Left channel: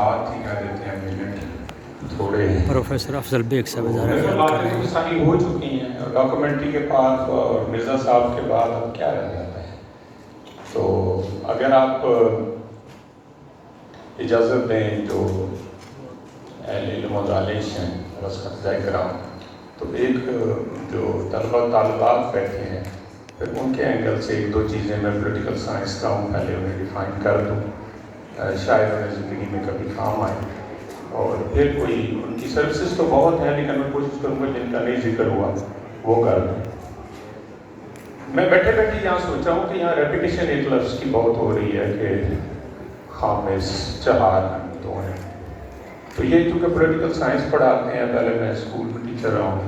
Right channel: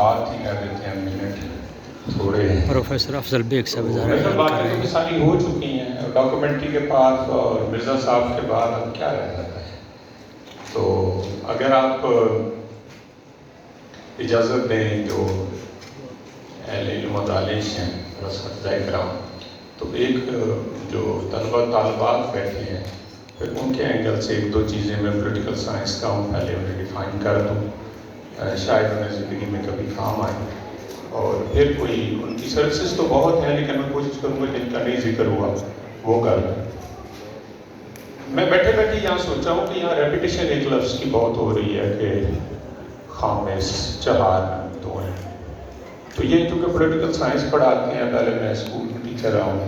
بات ہی کر دیتے ہیں منٹ تھوڑے ہیں. پروفیسر افضل بیگ صاحب ادارہ خیال کر رہے ہیں. ساری ہو چکی ہیں اور ڈاکومنٹری کے پاس اور مرزا صاحب کے بعد اب کیا رہ جاتا ہے. تو اگر آپ اجازت دیں جو اہل علم و دانش ہیں اساتذہ کرام، تو ایک جو طلبہ طالبات بیٹھے ہیں پھر ان کے اینگل سے ایک دو چیزیں میں پولیٹیکل سائنس کا ہوں پہلے انہیں ڈیفائن کر دوں، شاید انہیں زندگی میں کبھی کام آئے. اور پھر کوئی ان کی سروسز تو بہت ہے لیکن میں کوشش کروں گا جن کا نہیں ذکر ہوا وہ کر دوں. میں بیٹھے بیٹھے یہاں سوچا ہوں کہ یہاں ریپیٹیشن ایک لفظ کی بہت ہو رہی ہے کہ خامس چہار تو ہیں. تو یہ کیونکہ پولیٹیکل سائنس پڑھاتے ہیں، پہلے میں اسکول میں ٹیچر رہا ہوں،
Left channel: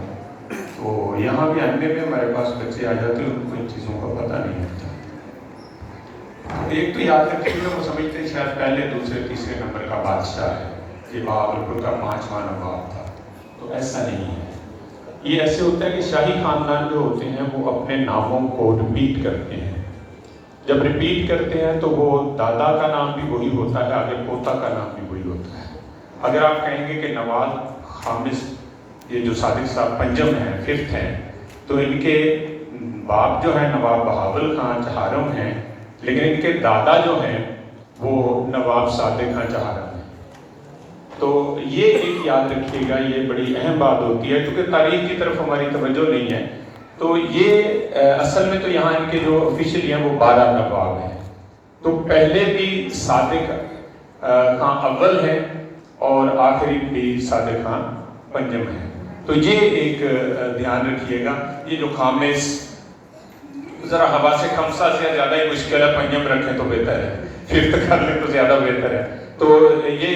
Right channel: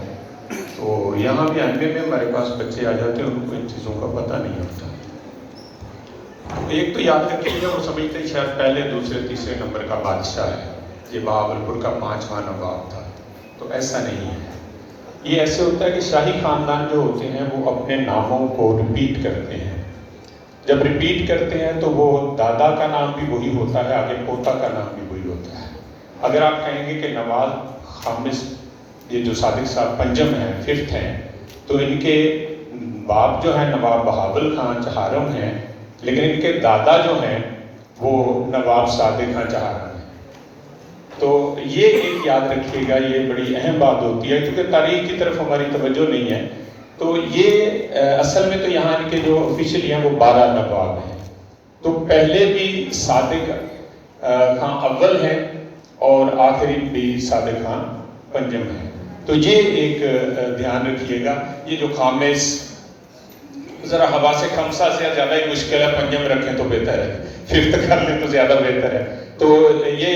تو یہاں بھی ایم اے میں ہمارے پاس بچے آ جاتے ہیں، ان کو ان چیزوں کا پتہ نہیں ہوتا. ایک تو یاد رکھیں کہ وہ سمجھتے ہیں شاید پہلے دوسرے تیسرے نمبر کا بادشاہ ہے، یہ بہاولپور کا 5واں نواب تھا. تو ایسا نہیں ہے. یہ ایسے ہوتا ہے کہ شاہی خاندان جو ہوتے ہیں وہ اپنے ناموں کو ریپیٹ کرتے ہیں. جب ریپیٹ کرتے ہیں تو وہ دادا کا نام بھی وہی ہوتا ہے، آگے پوتا کا نام بھی وہی ہوتا ہے. اگر آپ کہیں گے کہ نواز خامس، یہ جو صادق صاحب پنجم ہیں، 5th ہیں، تو ان کے باپ جو ہیں نواب بہاول خان چہارم ہیں، لیکن ان کے دادا جو ہیں وہ نواب صادق خان چہارم ہیں. تو یہ ایک یاد رکھیے گا، یہ بڑی اہم بات ہوتی ہے کیونکہ تاریخ کی طرف ہماری توجہ نہیں ہے. تو یہ اصل میں تو یہاں ان کے جو آفیشلی ہیں وہ 12 نواب ہیں. تو پہلے بھی صادق خان اول ہیں اور آخری بھی صادق خان پنجم ہیں. تو یہ ایک دھیان رکھیے گا. یہ جو خامس ذرا ہوا سے خمسہ سے زیادہ ہی مشکل ہے، پنجم رکھیں تو بہتر ہے، 5th کر لیں تو زیادہ بہتر ہے. تو یہ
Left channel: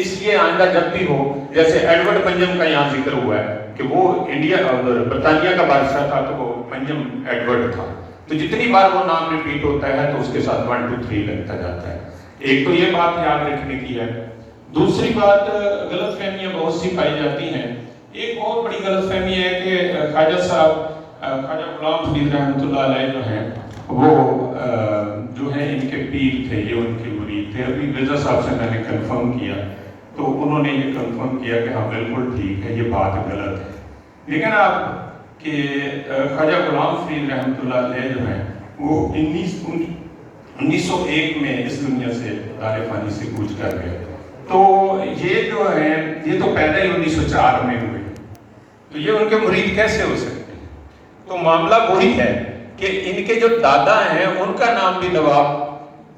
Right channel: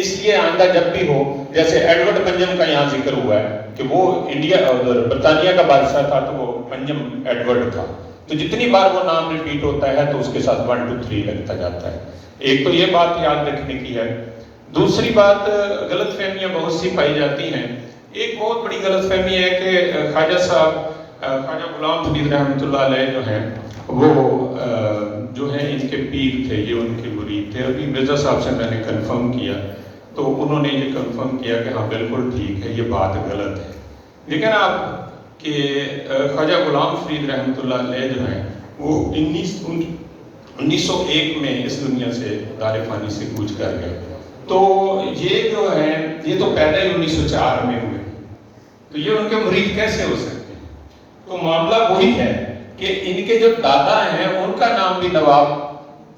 اس لیے آئندہ جب بھی ہو، جیسے ایڈورڈ پنجم کا یہاں ذکر ہوا ہے کہ وہ انڈیا اور برطانیہ کا بادشاہ تھا، تو وہ پنجم ایڈورڈ تھا. تو جتنی بار وہ نام ریپیٹ ہوتا ہے تو اس کے ساتھ 1 2 3 لگتا جاتا ہے. ایک تو یہ بات یاد رکھنے کی ہے. دوسری بات، غلط فہمیاں بہت سی پائی جاتی ہیں. ایک بہت بڑی غلط فہمی ہے کہ خواجہ صاحب خواجہ غلام فرید رحمۃ اللہ علیہ جو ہیں وہ جو ہیں ان کے پیر تھے، یہ ان کے مرید تھے. ابھی مرزا صاحب سے میں نے کنفرم کیا تو انہوں نے یہ کنفرم کیا کہ ہاں بالکل ٹھیک ہے، یہ بات غلط ہے. لیکن آپ کہ خواجہ غلام فرید رحمۃ اللہ علیہ جو ہیں وہ 1901 میں اس دنیا سے دار فانی سے کوچ کر گئے. تو یہ جو ہیں یہ تو پیدا ہی 1904 میں ہوئے. تو یہ ان کے مرید کیسے ہو سکتے؟ تو معاملہ وہی ہے کہ ان کے جو دادا ہیں ان کا نام بھی نواب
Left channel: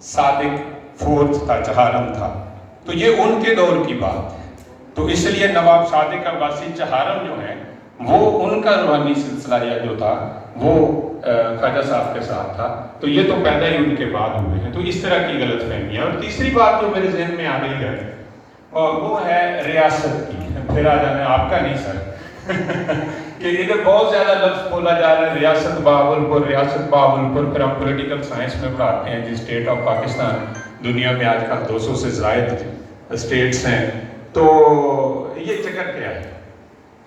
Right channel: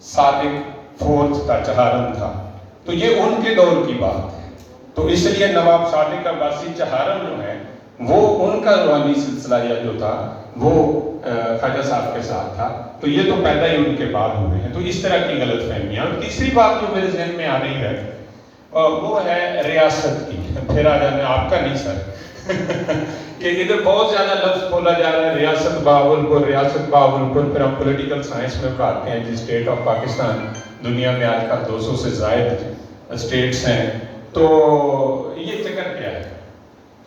صادق 4th تھا، چہارم تھا. تو یہ ان کے دور کی بات ہے. تو اس لیے نواب صادق عباسی چہارم جو ہیں وہ ان کا روحانی سلسلہ جو تھا وہ خواجہ صاحب کے ساتھ تھا. تو یہ تو پیدا ہی ان کے بعد ہوئے ہیں. تو اس طرح کی غلط فہمیاں. اور تیسری بات جو میرے ذہن میں آ رہی ہے وہ ہے ریاست کی. پھر آ جانا آپ کا نہیں سر کہ ادھر بہت زیادہ لفظ بولا جا رہا ہے ریاست بہاولپور، ریاست بہاولپور. پھر ہم پولیٹیکل سائنس میں پڑھاتے ہیں جی اسٹیٹ آف پاکستان دنیا میں آج کل 200 سے زائد اسٹیٹس ہیں. تو یہ چکر کیا ہے؟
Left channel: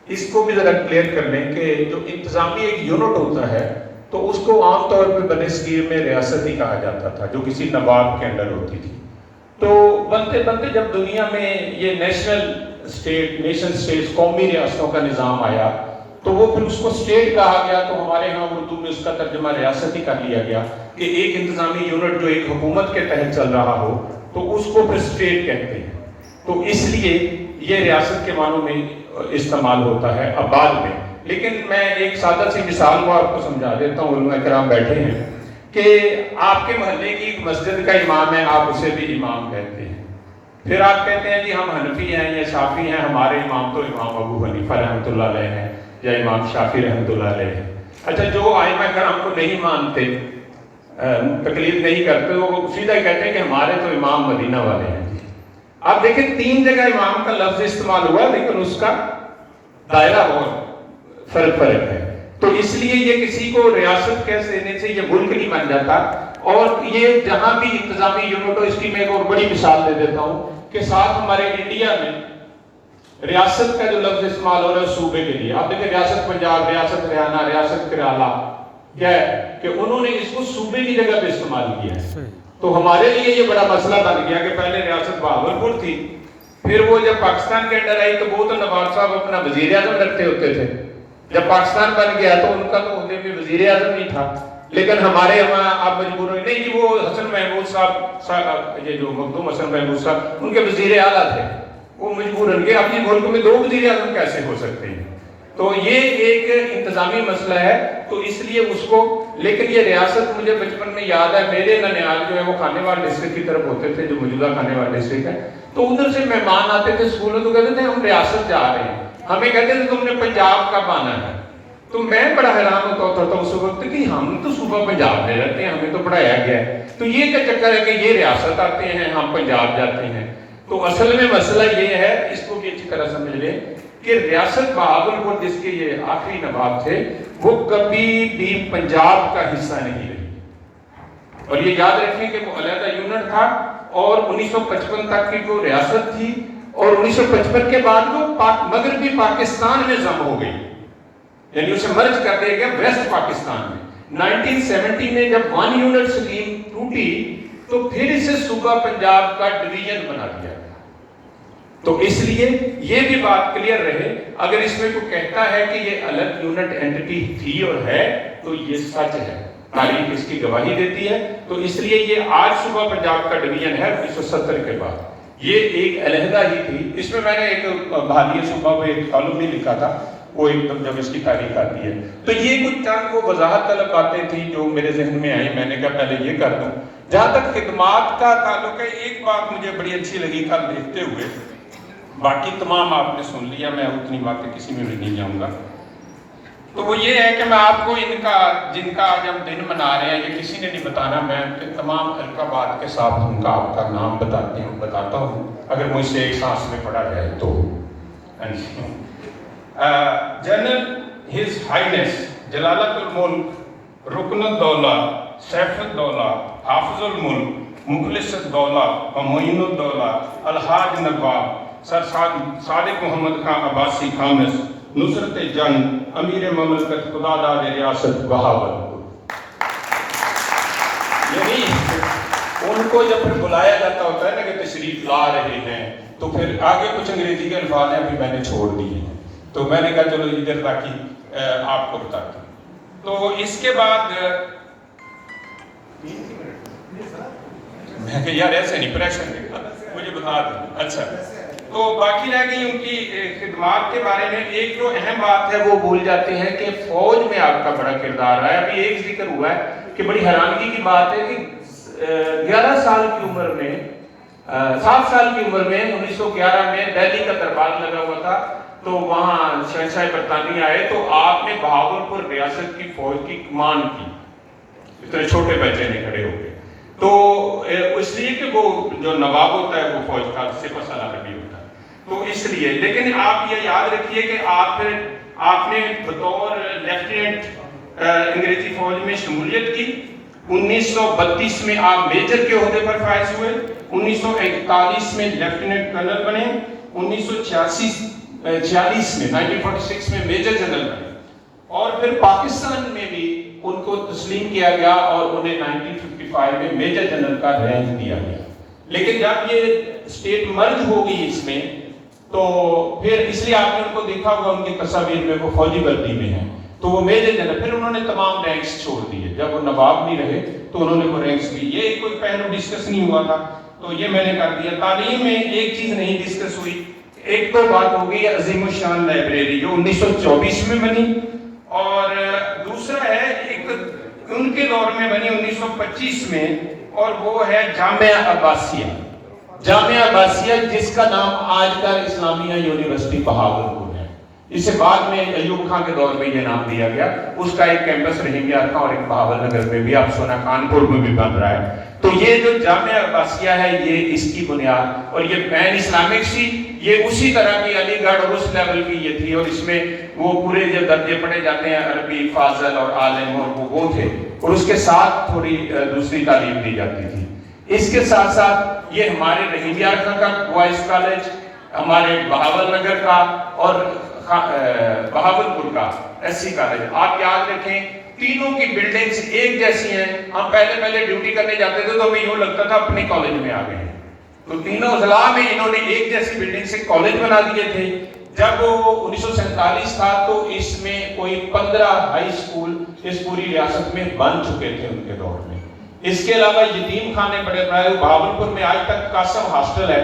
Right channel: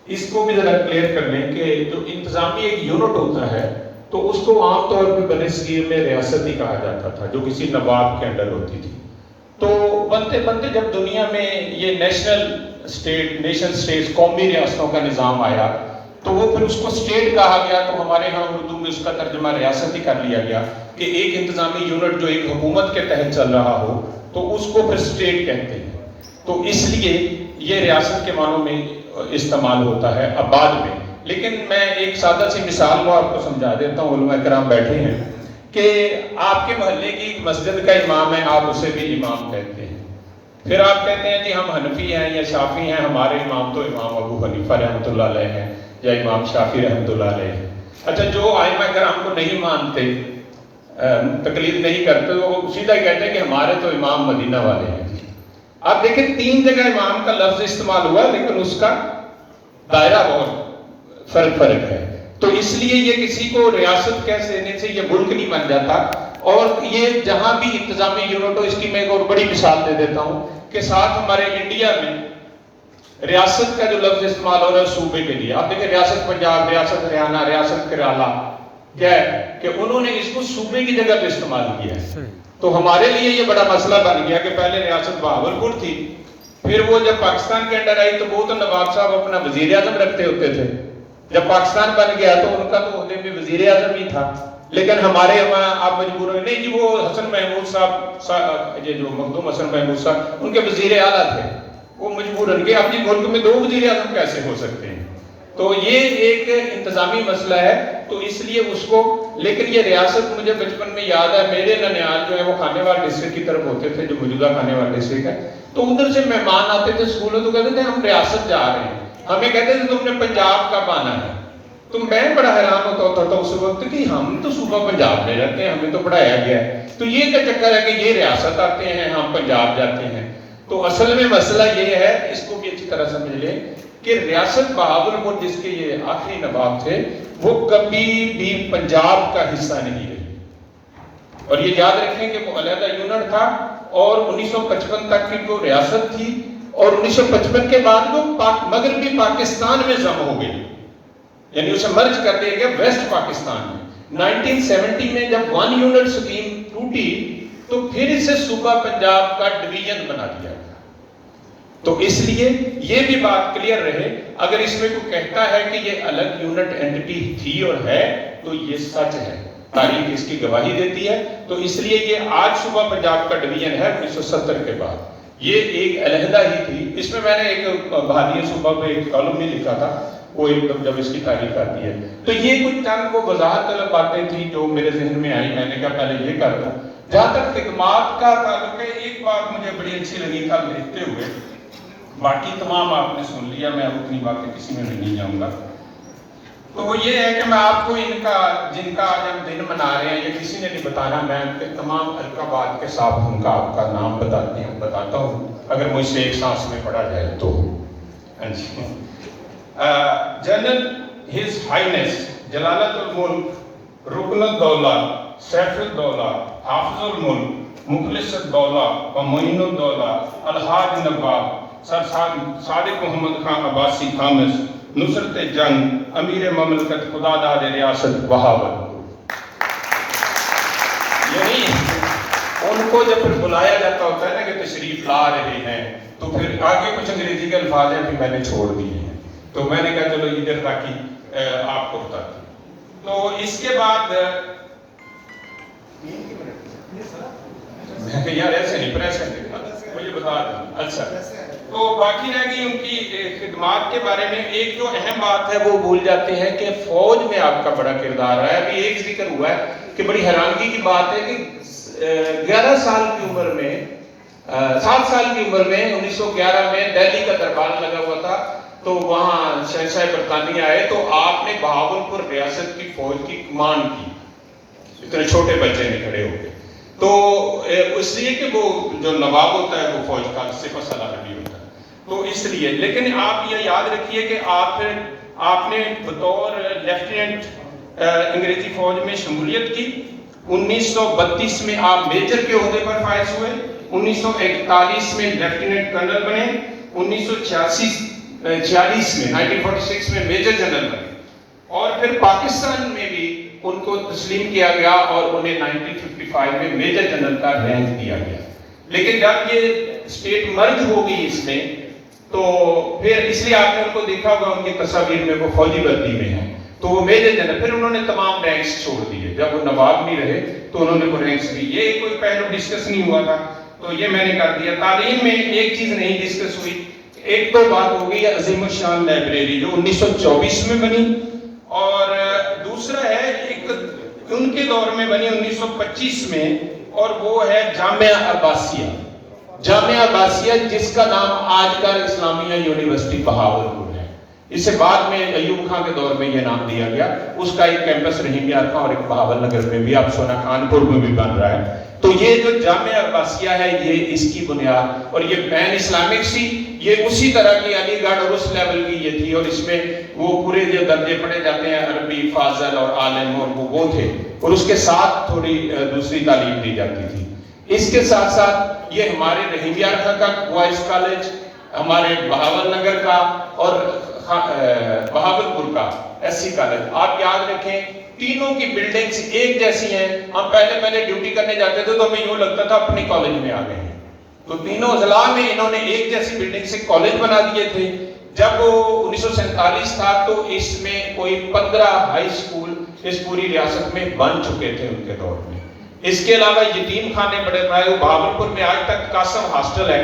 اس کو بھی ذرا کلیئر کر لیں کہ جو انتظامی ایک یونٹ ہوتا ہے تو اس کو عام طور پہ بنسبت میں ریاست ہی کہا جاتا تھا جو کسی نواب کے انڈر ہوتی تھی. تو بنتے بنتے جب دنیا میں یہ نیشن اسٹیٹس قومی ریاستوں کا نظام آیا تو وہ پھر اس کو اسٹیٹ کہا گیا. تو ہمارے ہاں اردو میں اس کا ترجمہ ریاست ہی کر لیا گیا کہ ایک انتظامی یونٹ جو ایک حکومت کے تحت چل رہا ہو تو اس کو پھر اسٹیٹ کہتے ہیں. تو اس لیے یہ ریاست کے معنوں میں استعمال ہوتا ہے اب بعد میں. لیکن میں ایک سادہ سی مثال کو آپ کو سمجھا دیتا ہوں. علماء کرام بیٹھے ہیں کہ آپ کے محلے کی مسجد کا امام ہے، آپ اسے بھی امام کہتے ہیں. پھر آپ کہتے ہیں جی ہم حنفی ہیں یا شافی ہیں، ہمارے امام تو امام ابو حنیفہ رحمۃ اللہ علیہ ہیں یا امام شافی رحمۃ اللہ علیہ ہیں. اچھا، جو ائمہ کرام کو نہیں مانتے، تقلید نہیں کرتے، وہ سیدھا ہی کہتے ہیں کہ ہمارے تو امام مدینہ والے ہیں. آپ دیکھیں 3 جگہ امام کا لفظ استعمال ہوا لیکن اس کا دائرہ بہت فرق ہے. تو اس لیے یہ کسی کو ریاست کہہ دینے سے یہ ملک نہیں بن جاتا. اور یہ جہاں بھی انتظامی یونٹ ہو، اس کی میں ایک اور بڑی مثال دے دیتا ہوں کہ ساتھ ہمارے انڈیا میں ریاست کا جو لفظ استعمال ہو رہا ہے صوبے کے لیے، آپ دیکھیں ریاست پنجاب، ریاست ہریانہ، ریاست کیرالہ، کیا ہے کہ انہوں نے اس کو صوبے کی جگہ پہ استعمال کیا ہے. تو ہمارے لیے یہ بڑا مسئلہ بن گیا کہ پہلے ریاست بہاولپور تھی، پھر وہ جب پاکستان کے انڈر آئی تو وہ تو نواب صاحب اپنا وزیر اعظم رکھتے ہوتے تھے، جب پاکستان بن گیا تو ان کا تو ہوتے بھی وزیر اعظم ہی تھا، لیکن ہمارے وہاں آپ مجبور ہوئے نہیں جی وہ حسن محمود صاحب، یہ جو مخدوم حسن محمود صاحب ان کے وزیر اعلیٰ تھے، وہ مجبور ان کے اپنے ملک میں 2 وزیر اعظم کیسے ہو سکتے ہیں؟ تو یہ ایک انتظامی مسئلہ ہے، تو اس لیے اس کو، لیکن یہ ریاست مجھے بچپن میں یاد ہے، میرے ننیال جو ہے وہ خانے وال ڈسٹرکٹ کی طرف ہوتے تھے، جو موجودہ خانے وال ڈسٹرکٹ ہے، تو ادھر سے مہمان آتے تھے اسکول میں تو کہتے تھے ہم ریاست جا رہے ہیں، ہمیں کہتے تھے تم نے پنجاب کب آنا ہے؟ تو میں بڑا حیران ہوتا تھا اس وقت کہ ہم تو صوبہ پنجاب میں رہتے ہیں، ہمیں تو پڑھایا گیا ہے، تو یہ کیا چکر ہے کہ یہ ریاست آتے ہیں ہم پنجاب جاتے ہیں؟ تو اصل میں مسئلہ یہ ہے، اس کو بھی اچھی طرح سمجھ لیں کہ ریاست بہاولپور جس کے یہ آخری نواب تھے وہ کبھی بھی پنجاب کا حصہ نہیں رہی، اور یہ یاد رکھیں کہ وہ علیحدہ یونٹ تھا، اور 1955 تک کی وہ ریاست تھی، اور 1955 کے بعد وہ مغربی پاکستان میں ضم ہو گئی، یعنی اسے مرج کر دیا گیا ویسٹ پاکستان میں۔ 1970 میں جب 1 یونٹ سکیم ٹوٹی تو پھر اسے صوبہ پنجاب کا ڈویژن بنا دیا گیا۔ تو اس لیے یہ بھی بات کلیئر رہے، اگر اس میں کوئی کہتا ہے کہ یہ الگ یونٹ اینٹی تھی اور ہے تو یہ سچ ہے، تاریخ اس کی گواہی دیتی ہے، تو اس لیے یہ آج صوبہ پنجاب کا ڈویژن ہے 1970 کے بعد، یہ ایک علیحدہ ہی تھی۔ اس میں نے ایک بہادری صوبہ پہ ایک کالم بھی لکھا تھا، وہ ایک دم جب اس کی تاریخ آتی ہے تو یہ کچھ چند وہ وضاحت طلب باتیں تھیں جو میرے ذہن میں آئی، میں نے کہا پہلے یہ کر دوں۔ جہاں تک خدمات کا تعلق ہے، ایک بات مجھے بڑی اچھی لگی کل دیکھتے ہوئے، باقی تمام آپ نے سن لیا، میں اتنی باتیں کسی میں بھی نہیں جاؤں گا، تو وہ یہ ہے کہ میں آپ کو جن کا آج ہم دن منا رہے ہیں یہ کسی نے نہیں بتانا، میں ان کے تمام القابات کے ساتھ ان کا آپ کا نام بتاتا ہوں، اگر مجھ سے ایک سانس میں پڑھا جائے تو۔ جنرل ہز ہائنس جلالت الملک رکن الدولہ سیف الدولہ حافظ الملک مخلص الدولہ و معین الدولہ الحاج نواب سر صادق محمد خان عباسی خامس نصرت جنگ امیر مملکت خداداد ریاست بہاولپور۔ یعنی ان کو جب بلایا جاتا ہوتا ہے نا کہ تشریف لا رہے ہیں تو پھر آگے کچھ انگریزی کے الفاظ ہیں بھی میں نے چھوڑ دیے ہیں، تو میں نے کہا چلو ادھر تاکہ آپ کو بتاتا ہوں۔ تو اس کے بعد میں کہ یار ایسے نہیں پریشر مجھے بتا دیں، اچھا تو باقی رہ گئی ان کی خدمات کے بارے میں۔ ایک جو اہم بات ہے وہ بھول جاتے ہیں کہ فوج میں آپ کا بڑا کردار ہے، ابھی ایک ذکر ہوا ہے کہ بڑی حیرانگی کی بات ہے کہ 11 سال کی عمر میں 7 سال کی عمر میں 1911 میں دہلی کا دربار لگا ہوا تھا، تو وہاں شہنشاہ برطانیہ آئے تو آپ نے بہاولپور ریاست کی فوج کی کمان کی، اتنے چھوٹے بچے نے کھڑے ہو گئے، تو اس لیے کہ وہ جو نواب ہوتا ہے وہ فوج کا سپہ سالار بھی ہوتا ہے، تو اس لیے۔ لیکن آپ یہ یاد رکھیے کہ آپ نے بطور لیفٹیننٹ انگریزی فوج میں شمولیت کی، 1932 میں آپ میجر کے عہدے پر فائز ہوئے، 1941 میں لیفٹیننٹ کرنل بنے، 1946 میں 1946 میں میجر جنرل بنے، اور پھر پاکستان میں بھی ان کو تسلیم کیا گیا اور انہیں 1955 میں میجر جنرل کا رینک دیا گیا۔ لیکن جب یہ اسٹیٹ مرج ہو گئی اس میں تو پھر اس لیے آپ نے ان کو دیکھا ہوگا ان کی تصاویر میں وہ فوجی وردی میں ہیں، تو وہ میجر جنرل، پھر انہوں نے تمام رینکس چھوڑ دیے، جب وہ نواب نہیں رہے تو انہوں نے وہ رینکس بھی، یہ کوئی پہلو ڈسکس نہیں ہوا تھا تو یہ میں نے کر دیا۔ تعلیم میں ایک چیز نہیں ڈسکس ہوئی، ایک تو بات ہو گئی عظیم الشان لائبریری جو 1924 میں بنی، اور دوسرا ہے ایک ان کے دور میں بنی 1925 میں، اور وہ ہے جامعہ عباسیہ، جامعہ عباسیہ جس کا نام آج کل اسلامیہ یونیورسٹی بہاولپور ہے، اسے بعد میں ایوب خان کے دور میں یہ نام دیا گیا، اس کا ایک کیمپس رحیم یار تھا اور ایک بہاول نگر میں بھی، آپ سونا کانپور میں بھی بن رہا ہے۔ تو یہ جو جامعہ عباسیہ ہے یہ اس کی بنیاد، اور یہ پین اسلامک سی، یہ اسی طرح کی علی گڑھ اور اس لیول کی یہ تھی، اور اس میں وہ پورے جو درجے پڑھے جاتے ہیں عربی، فاضل اور عالم، اور وہ تھے، اور اس کے ساتھ تھوڑی دوسری تعلیم دی جاتی تھی۔ اس کے ساتھ ساتھ یہ ہمارے رحیم یار خان کا بوائز کالج، ہمارے بہاول نگر کا، اور بہاولپور کا SC کالج. آپ یاد رکھیں تینوں کی بلڈنگز ایک جیسی ہیں. ہم پہلے ڈیوٹی کرنے جاتے تھے تو ہمیں یوں لگتا تھا اپنی کالج میں آ گئے ہیں. تو تینوں اضلاع میں انہوں نے ایک جیسی بلڈنگ سے کالج بنا دیے تھے. جب 1947 تھا تو اس میں کوئی 15 ہائی سکول اس پوری ریاست میں بن چکے تھے ان کے دور میں. اس کے علاوہ یتیم خانے بڑے بنائے. بہاولپور میں آج تک قاسم ہاسٹل ہے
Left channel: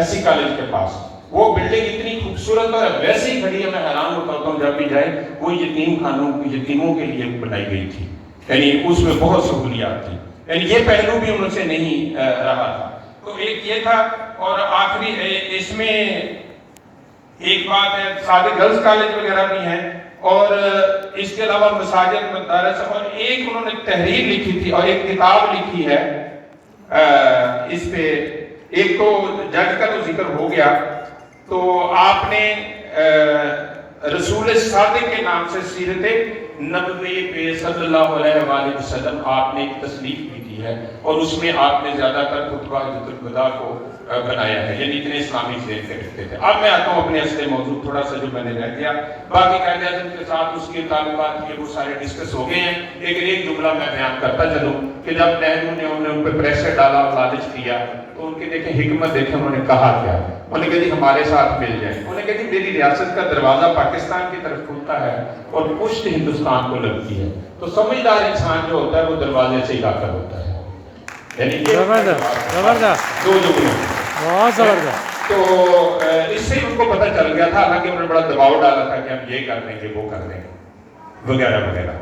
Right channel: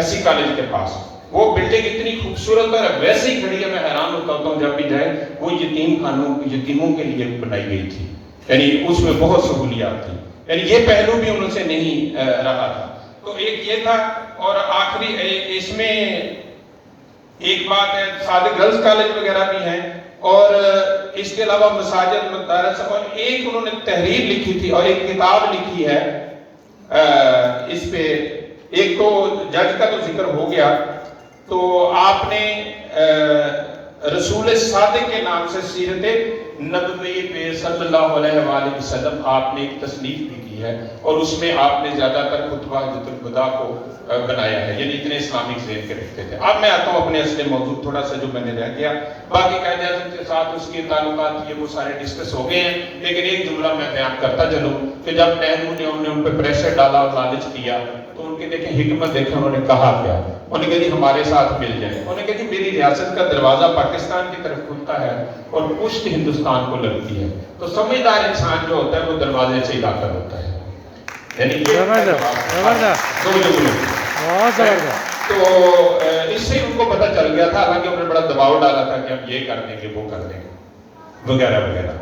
SC کالج کے پاس. وہ بلڈنگ اتنی خوبصورت اور ویسے ہی کھڑی ہے, میں حیران ہوتا ہوں جب بھی جائے. وہ یتیموں کے لیے بنائی گئی تھی, یعنی اس میں بہت سہولیات تھی. یعنی یہ پہلو بھی ان سے نہیں رہا تھا. تو ایک یہ تھا. اور آخری اس میں ایک بات ہے, صادق گرلز کالج وغیرہ بھی ہیں, اور اس کے علاوہ مساجد مدارس. اور ایک انہوں نے تحریر لکھی تھی اور ایک کتاب لکھی ہے اس پہ. ایک تو جج کا تو ذکر ہو گیا, تو آپ نے رسول صادق کے نام سے سیرت نبوی پہ صلی اللہ علیہ وآلہ وسلم آپ نے ایک تصنیف بھی کی ہے, اور اس میں آپ نے زیادہ تر خطبہ حجۃ الوداع کو بنایا ہے. یعنی اتنے اسلامی ذہن کے رکھتے تھے. اب میں آتا ہوں اپنے اصل موضوع تھوڑا سا جو میں نے رہ گیا. باقی قائد اعظم کے ساتھ اس کے تعلقات یہ وہ سارے ڈسکس ہو گئے ہیں, لیکن ایک جملہ میں بیان کرتا چلوں کہ جب نہرو نے ان پہ پریشر ڈالا اور لالچ دیا تو ان کے دیکھیں حکمت دیکھیں انہوں نے کہا کیا. انہوں نے کہا جی ہمارے ساتھ مل جائیں. انہوں نے کہا جی میری ریاست کا دروازہ پاکستان کی طرف کھلتا ہے اور پشت ہندوستان کو لگتی ہے. تو سمجھدار انسان جو ہوتا ہے وہ دروازے سے ہی داخل ہوتا ہے. یعنی زبردست زبردست بہت زبردست. تو اس سے ان کو پتہ چل گیا تھا, حالانکہ انہوں نے بڑا دباؤ ڈالا تھا کہ ہم یہ کر دیں گے وہ کر دیں گے وغیرہ وغیرہ.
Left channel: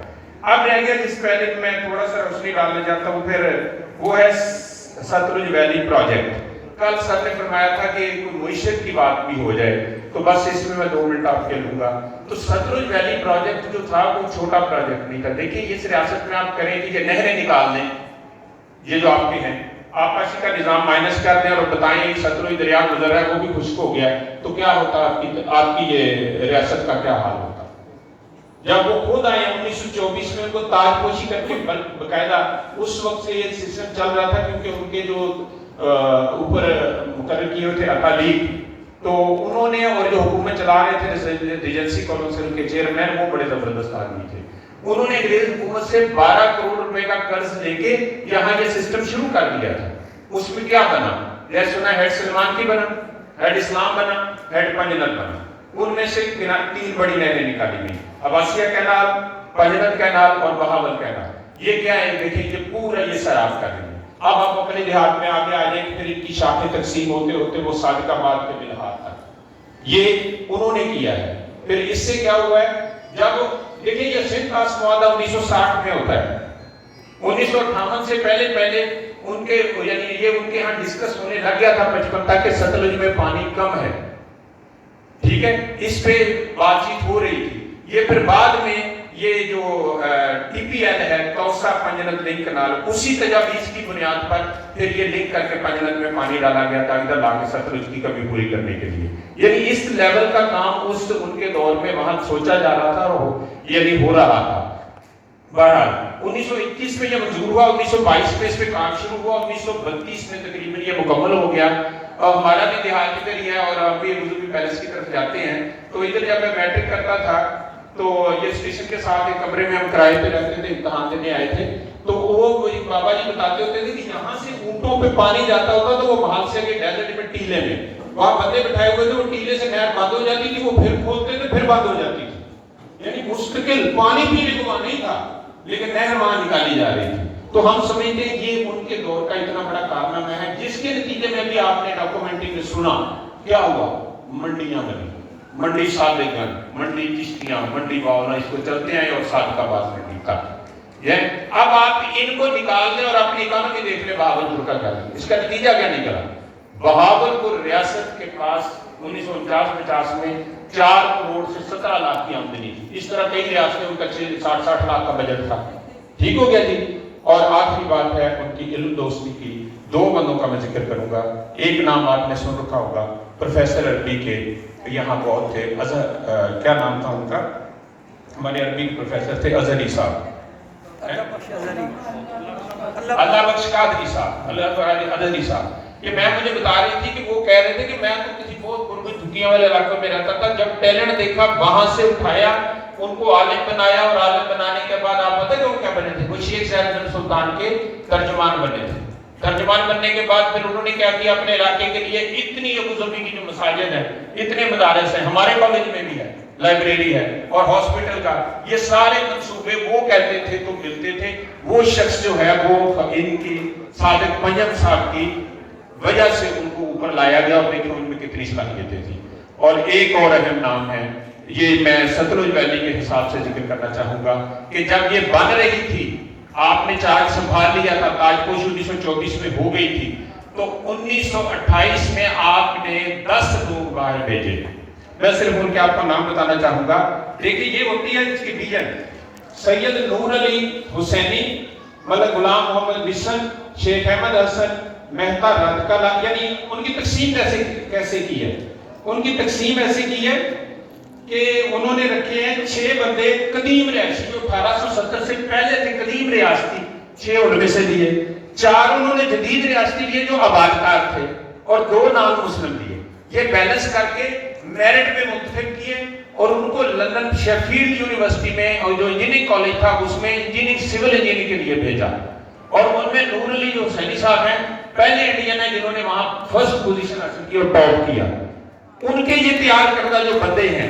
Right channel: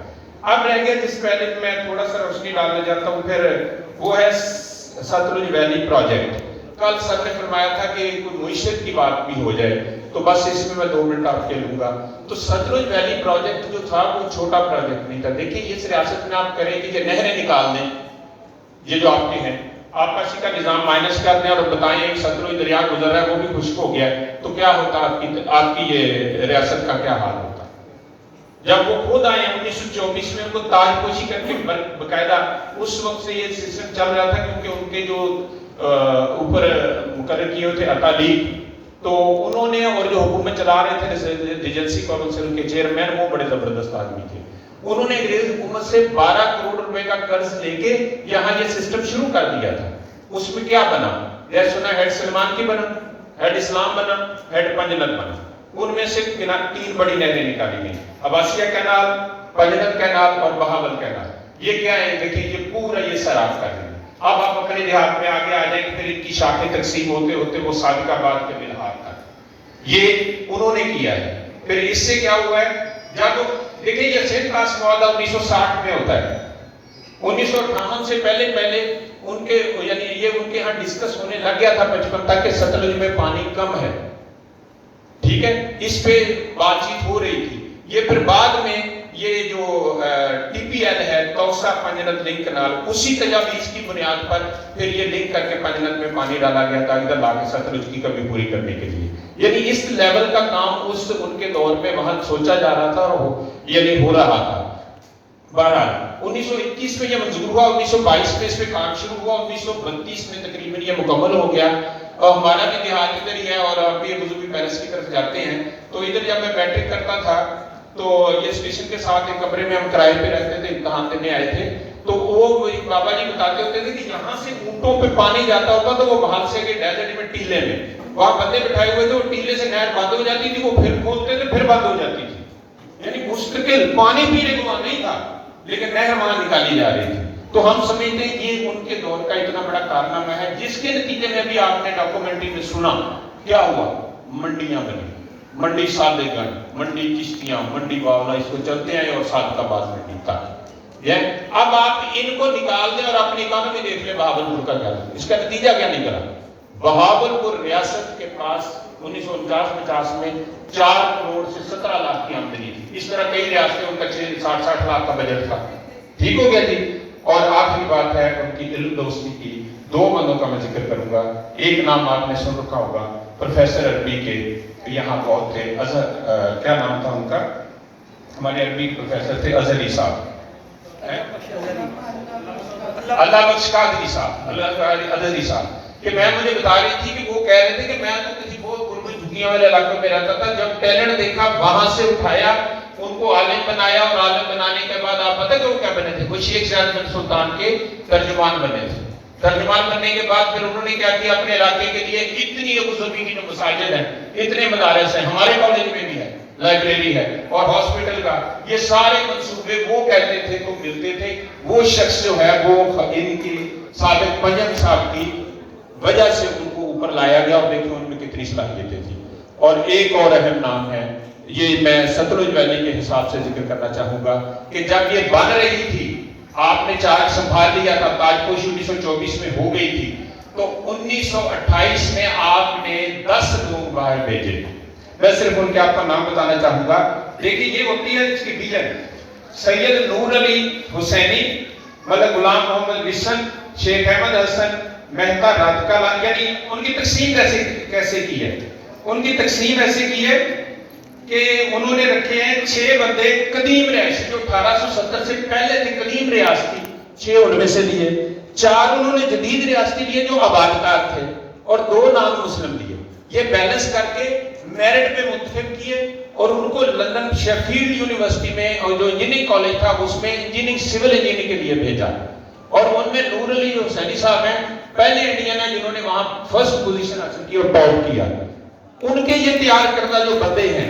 اب رہ گیا جس پہلے میں تھوڑا سا روشنی ڈالنا چاہتا ہوں, پھر وہ ہے ستلج ویلی پروجیکٹ. کل سر نے فرمایا تھا کہ کوئی معیشت کی بات بھی ہو جائے, تو بس اس میں 2 منٹ آپ کے لوں گا. تو ستلج ویلی پروجیکٹ جو تھا وہ چھوٹا پروجیکٹ نہیں تھا. دیکھیں اس ریاست میں آپ کریں کہ یہ نہریں نکال دیں, یہ جو آپ کے ہیں آپسی کا نظام مائنس کر دیں اور بتائیں ایک ستلج دریا گزر رہا ہے وہ بھی خشک ہو گیا ہے, تو کیا ہوتا آپ کی یہ ریاست کا کیا حال ہوتا. جب وہ خود آئے 1924 میں ان کو تاج پوشی کر کے باقاعدہ اس وقت سے یہ سسٹم چل رہا تھا, کیونکہ ان کے جو اوپر مقرر کیے ہوئے تھے اقالیب, تو انہوں نے, اور جو حکومت چلا رہے تھے ریجنسی کونسل کے چیئرمین وہ بڑے زبردست آدمی تھے. انہوں نے انگریز حکومت سے 12 کروڑ روپے کا قرض لے کے یہاں یہ سسٹم شروع کر دیا تھا. اس میں کیا بنا, یہ سنا ہیڈ سلمان کی بنا, ہیڈ اسلام بنا, ہیڈ پنجنت بنا. ان میں سے 3 بڑی نہریں نکالی گئی, عباسیہ کینال, پنجنت کینال اور بہاول کینال. یہ کیا ہے دیکھیں, یہ پورا یہ سیراب کر رہے ہیں. اب آپ اپنے دیہات میں آگے آ جائیں کہ پھر ان کی شاخیں تقسیم ہوتے ہوتے وہ صادق آباد کے بلہار تک یہ انہوں نے کیا ہے. پھر اس سے کیا ہوا ہے, جب دیکھیں یہ سندھ پاس معاہدہ 1960 میں ہوتا ہے. 1958 سے پہلے ان کے یعنی یہ ان کے ہاں ڈسکس ہونے لگ گیا تھا 55 تک کہ ستلج میں پانی کم ہے, ٹھیک ہے, اس پہ بات چیت ہو رہی تھی. یہ پھر بعد میں یہ جو TPL ہے توسا پنجنت لنک کنال, اسی تجاویز کی بنیاد پر پھر یہ لنک کر کے پنجنت میں پانی ڈالا گیا تھا ادھر لا کے ستلج کی کمی پوری کرنے کے لیے. یعنی اس لیول کا کام اس ان کے دور میں وہاں سوچا جا رہا تھا اور یعنی ہو رہا تھا. بہرحال 1921 میں یہ منظور ہوا, 1922 میں اس پہ کام شروع ہوا, 1932 میں تقریباً یہ مکمل ہو گیا. اور ہمارا بھی دیہات ادھر ہی ہے اور آپ بھی رضوی پیلس کی طرف جاتے ہیں. تو ادھر جب میں میٹرک کرتا تھا تو یہ اسٹیشن کے ساتھ ایک کمرے میں ہم کرائے پہ رہتے تھے, امتحان دینے آئے تھے. تو وہ ایک بابا جی بتاتے ہوتے تھے کہ یہاں سے اونٹوں پہ پانی جاتا ہوتا تو وہ محل سے کے ڈیزرٹ میں ٹیلے میں وہاں بندے بٹھائے ہوئے تھے, وہ ٹیلے سے نہر بند ہو جاتی تھی, وہ پھر کھولتے تھے پھر بند ہو جاتی تھی. یعنی مستقل پانی پینے کو وہاں نہیں تھا لیکن نہر وہاں نکالی جا رہی تھی. تو ہم سمجھتے ہیں یہ ان کے دور کا اتنا بڑا کارنامہ ہے, جس کے نتیجے میں بھی آپ نے ڈاکومنٹری میں سنا کیا ہوا. منڈیاں بنی, منڈی صادق گنج, منڈی چشتیاں, منڈی باولا, اس کو چلتے ہیں, اور صادق آباد منڈی کا. اب آپ ان کو نکال دیں اور اپنی اکانومی دیکھ لیں بہاولپور کا کیا, اس کا نتیجہ کیا نکلا. بہاولپور ریاست کے پاس 1949-50 میں 4 کروڑ سے 17 لاکھ کی آمدنی تھی. اس طرح کئی ریاستیں ان کا 60-60 لاکھ کا بجٹ تھا. ٹھیک ہو گیا جی. اور آخری بات ہے ان کی علم دوستی کی. 2 بندوں کا میں ذکر کروں گا. ایک نام آپ نے سن رکھا ہوگا, پروفیسر عربی کے, یہاں بہت تھے. کیا نام تھا ان کا, ہمارے عربی پروفیسر تھے اظہری صاحب, اللہ بخش قادری صاحب, اظہری صاحب. کہ میں مجھے بتا رہی تھی کہ وہ کہہ رہے تھے کہ میں تو کسی بہت غربت صوفیوں والے علاقوں میں رہتا تھا. جب ٹیلنٹ دیکھا وہاں سے اٹھایا, ان کو عالم بنایا, اور عالم بنانے کے بعد آپ پتہ کہ وہ کیا بنے تھے, وہ شیخ زیادہ سلطان کے ترجمان بنے تھے. ترجمان بننے کے بعد پھر انہوں نے کیا کیا, اپنے علاقے کے لیے اتنی ابو ظبی کی جو مساجد ہیں, اتنے مدارس ہیں, ہمارے کالج میں بھی ہے, لائبریری ہے اور ہاسپٹل کا, یہ سارے منصوبے وہ کہتے تھے تو ملتے تھے. وہ شخص جو ہے وہ ان کی صادق پنجم صاحب کی وجہ سے ان کو اوپر لایا گیا, اور دیکھیں ان میں کتنی صلاحیتیں تھیں. اور ایک اور اہم نام ہے, یہ میں ستلج ویلی کے حساب سے ذکر کرنا چاہوں گا کہ جب یہ بن رہی تھی, آپ نے چارج سنبھال لیا تھا, تاج پوش 1924 میں ہو گئی تھی, تو 1928 میں آپ نے 10 لوگ باہر بھیجے. میں صرف ان کے آپ کا نام بتانا چاہوں گا. دیکھیں یہ ہوتی ہے اس کی ویژن, سید نور علی حسینی, ملک غلام محمد وسن, شیخ احمد حسن, مہتا رات کلا. یعنی ان کی تقسیم کیسے کی ہے, ان کی تقسیم ایسے کی ہے کہ انہوں نے رکھے ہیں 6 بندے قدیم رہائشی جو 1870 سے پہلے تھے, قدیم ریاستی, 6 ان میں سے لیے, 4 انہوں نے جدید ریاستی لیے جو آبادکار تھے, اور 2 نان مسلم لیے. یہ بیلنس کر کے میرٹ میں متفق کیے, اور ان کو لندن شیفیلڈ یونیورسٹی میں, اور جو انجینئرنگ کالج تھا اس میں انجینئرنگ سول انجینئرنگ کے لیے بھیجا. اور ان میں نور علی حسینی صاحب ہیں, پہلے انڈین ہیں جنہوں نے وہاں فرسٹ پوزیشن حاصل کی اور ٹاپ کیا. ان کے یہ تیار کردہ جو بندے ہیں,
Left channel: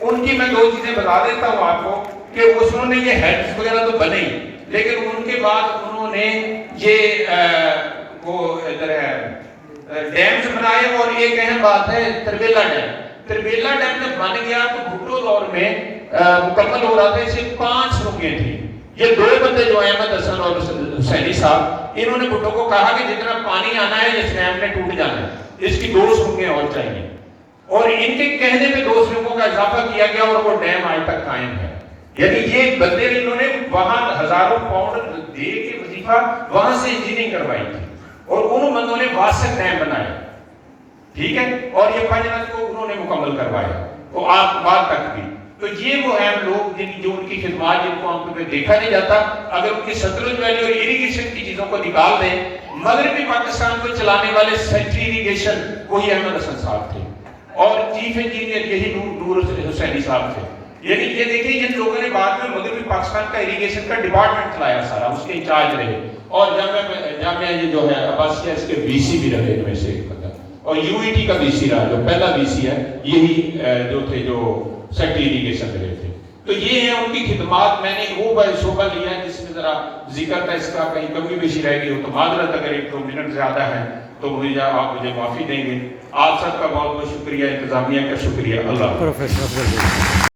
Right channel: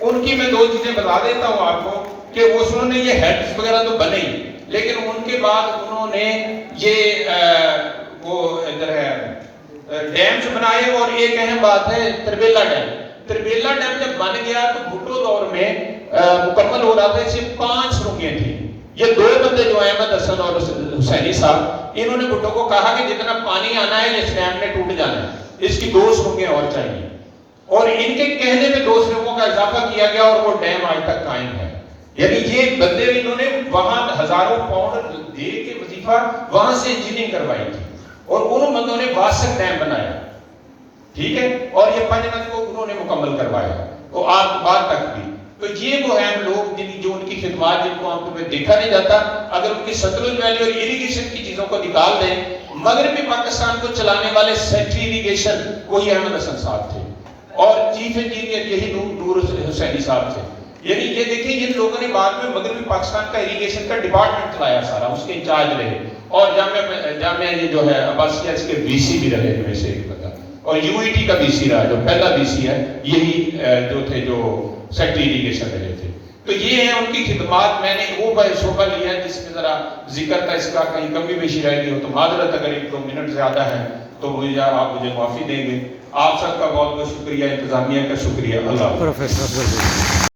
ان کی میں 2 چیزیں بتا دیتا ہوں آپ کو کہ اس نے یہ ہیڈز وغیرہ تو بنے ہی, لیکن ان کے بعد انہوں نے یہ وہ ادھر ہے ڈیمز بنائے. اور ایک اہم بات ہے تربیلا ڈیم. تربیلا ڈیم جب بن گیا تو بھٹو دور میں مکمل ہو رہا تھا, اسے 5 سرنگیں تھیں. یہ 2 بندے جو احمد حسن اور حسینی صاحب, انہوں نے بھٹو کو کہا کہ جتنا پانی آنا ہے اس ڈیم میں ٹوٹ جانا ہے, اس کی 2 سرنگیں اور چاہیے. اور ان کے کہنے میں 2 سرنگوں کا اضافہ کیا گیا, اور وہ ڈیم آج تک قائم ہے. یعنی یہ بندے انہوں نے وہاں ہزاروں پاؤنڈ دے کے وظیفہ وہاں سے انجینئرنگ کروائی تھی, اور ان بندوں نے واسط ڈیم بنایا, ٹھیک ہے, اور یہ پنجنت کو انہوں نے مکمل کروایا, تو آپ بعد تک بھی. تو یہ وہ ہیں لوگ جو ان کی خدمات جن کو عام طور پہ دیکھا نہیں جاتا. اگر ان کی ستلج ویلی اور اریگیشن کی چیزوں کو نکال دیں, مغربی پاکستان کو چلانے والے سینٹری اریگیشن وہی احمد حسن صاحب تھے, اور چیف انجینئر یہی نور حسینی صاحب تھے. یعنی یہ دیکھیں ان لوگوں نے بعد میں مغربی پاکستان کا اریگیشن کا ڈپارٹمنٹ چلایا سارا, اس کے انچارج رہے, اور جامعہ یہ جو ہے عباسیہ اس کے وی سی بھی رہے ان میں سے ایک بندہ, اور یو ای ٹی کا وی سی رہا, جو پہلا وی سی ہے یہی جو تھے جو سیکٹری اریگیشن میں رہے تھے. تو یہ ہیں ان کی خدمات. میں نے وہ شعبہ لیا ہے جس میں ذرا ذکر تھا, اس کا کہیں کمی بیشی رہ گئی ہو تو معذرت, اگر 1-2 منٹ زیادہ ہیں تو آپ مجھے معافی دیں گے. آپ سب کا بہت بہت شکریہ, انتظامیہ کا شکریہ. اللہ پروفیسر افضل.